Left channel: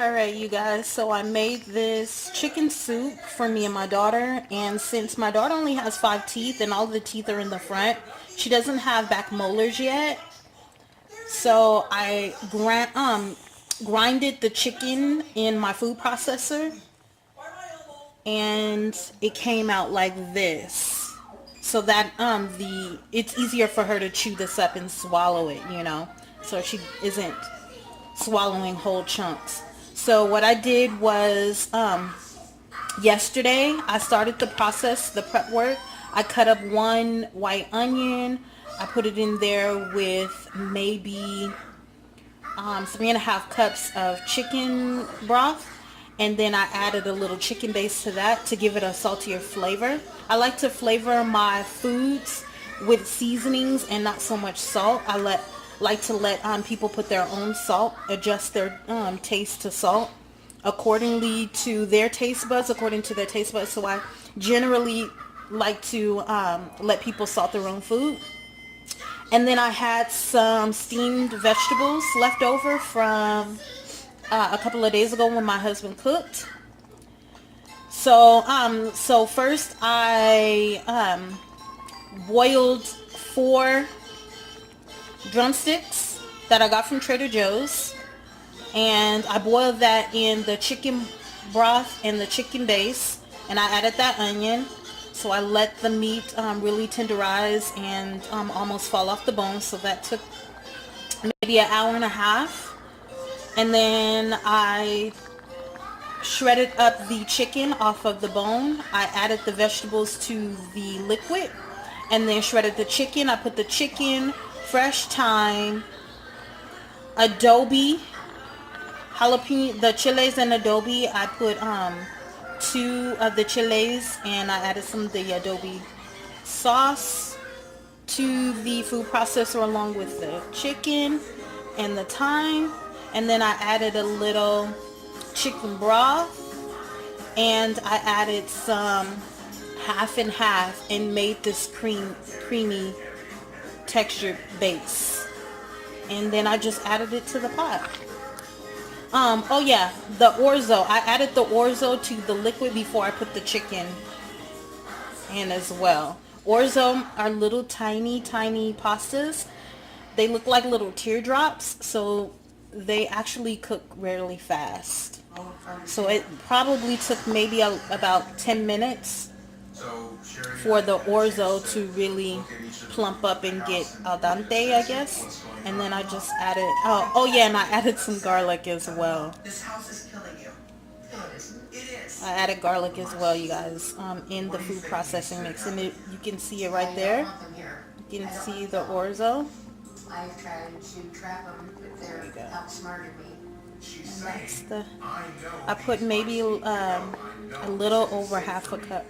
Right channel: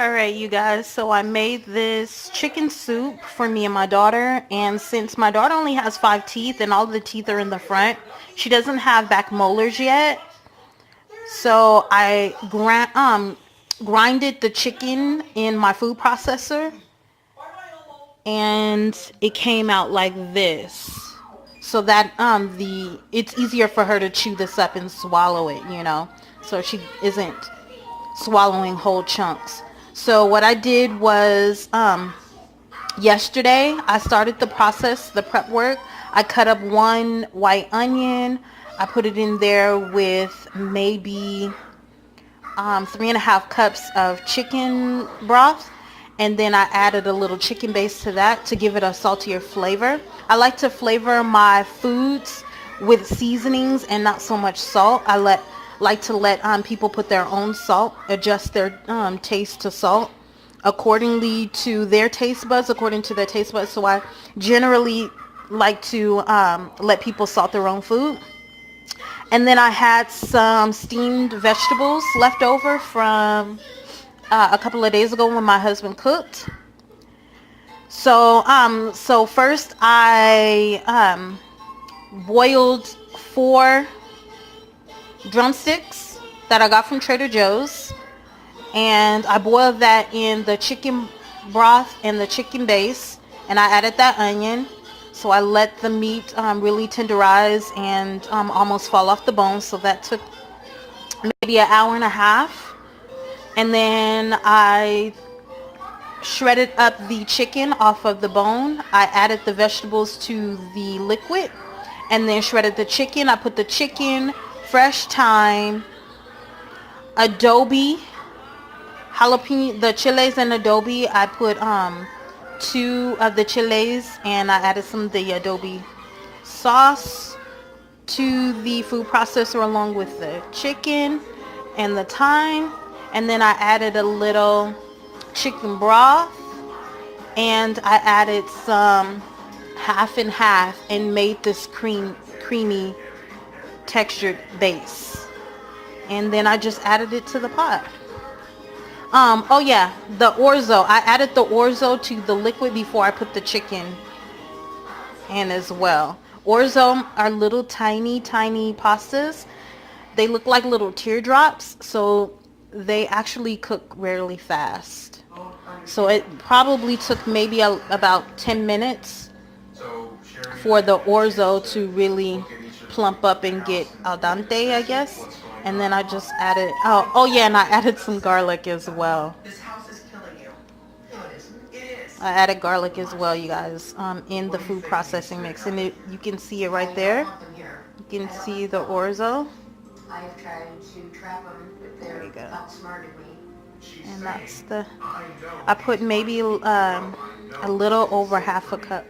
Alright, you guys, so I made this chicken soup for me and my daughter, and since my daughter only has 5 teeth and all the teeth are in the front, she doesn't have back molars yet, so I grinded the chicken in my food processor, and it came out like this, so that it's easier for her to chew this up and swallow it, so she isn't swallowing whole chunks. So what I did was yesterday I started the process, the prep work. I cut up one white onion. I put it in there with maybe 3.5 cups of chicken broth, and then I added a little chicken base to that to give it a saltier flavor. I like to flavor my foods with seasonings and not so much salt. I like to let people put their own salt, adjust their taste to salt accordingly to their taste buds, So I generally like to let people salt their own food. And then I had some steamed vegetables left over from a couple of days ago when my husband cooked. So first I boiled 4 drumsticks that I got from Trader Joe's, and I boiled that in the chicken broth and the chicken base, and I added that onion. So I let the meat really tenderize and almost fall off the bone. So that took maybe an hour and a half. And then I shredded up the chicken off of the bone. I added the vegetables to the liquid and then shredded the chicken. I put the chicken, fresh thyme, adobe, jalapeno, the chiles and adobe. I put 2 of the chiles, and I added some of the adobe sauce to the food processor along with the chicken and the thyme. And then I added a little chicken broth, and I added some half and half and made this creamy textured base. And then I just added it to the pot. Oh yeah, the orzo. I added the orzo to the liquid before I put the chicken in as well. Orzo are little tiny pastas. They look like little teardrops, so they actually cook really fast. So it probably took maybe about 10 minutes for the orzo to really plump up and get al dente, I guess. And then I just added, oh yeah, and I added some garlic as well. I added garlic as well, you guys, in the food processing mix. And you can see it right there. You can see the orzo. I've tried to trap them, but they're outsmarted me. And that's I put maybe a little over half a cup.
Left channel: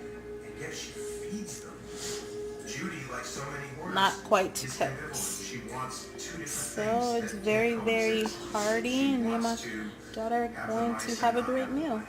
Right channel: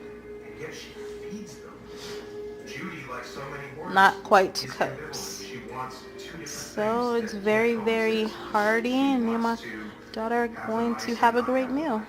Not quite 2 cups. So it's very, very hearty, and me and my daughter are going to have a great meal.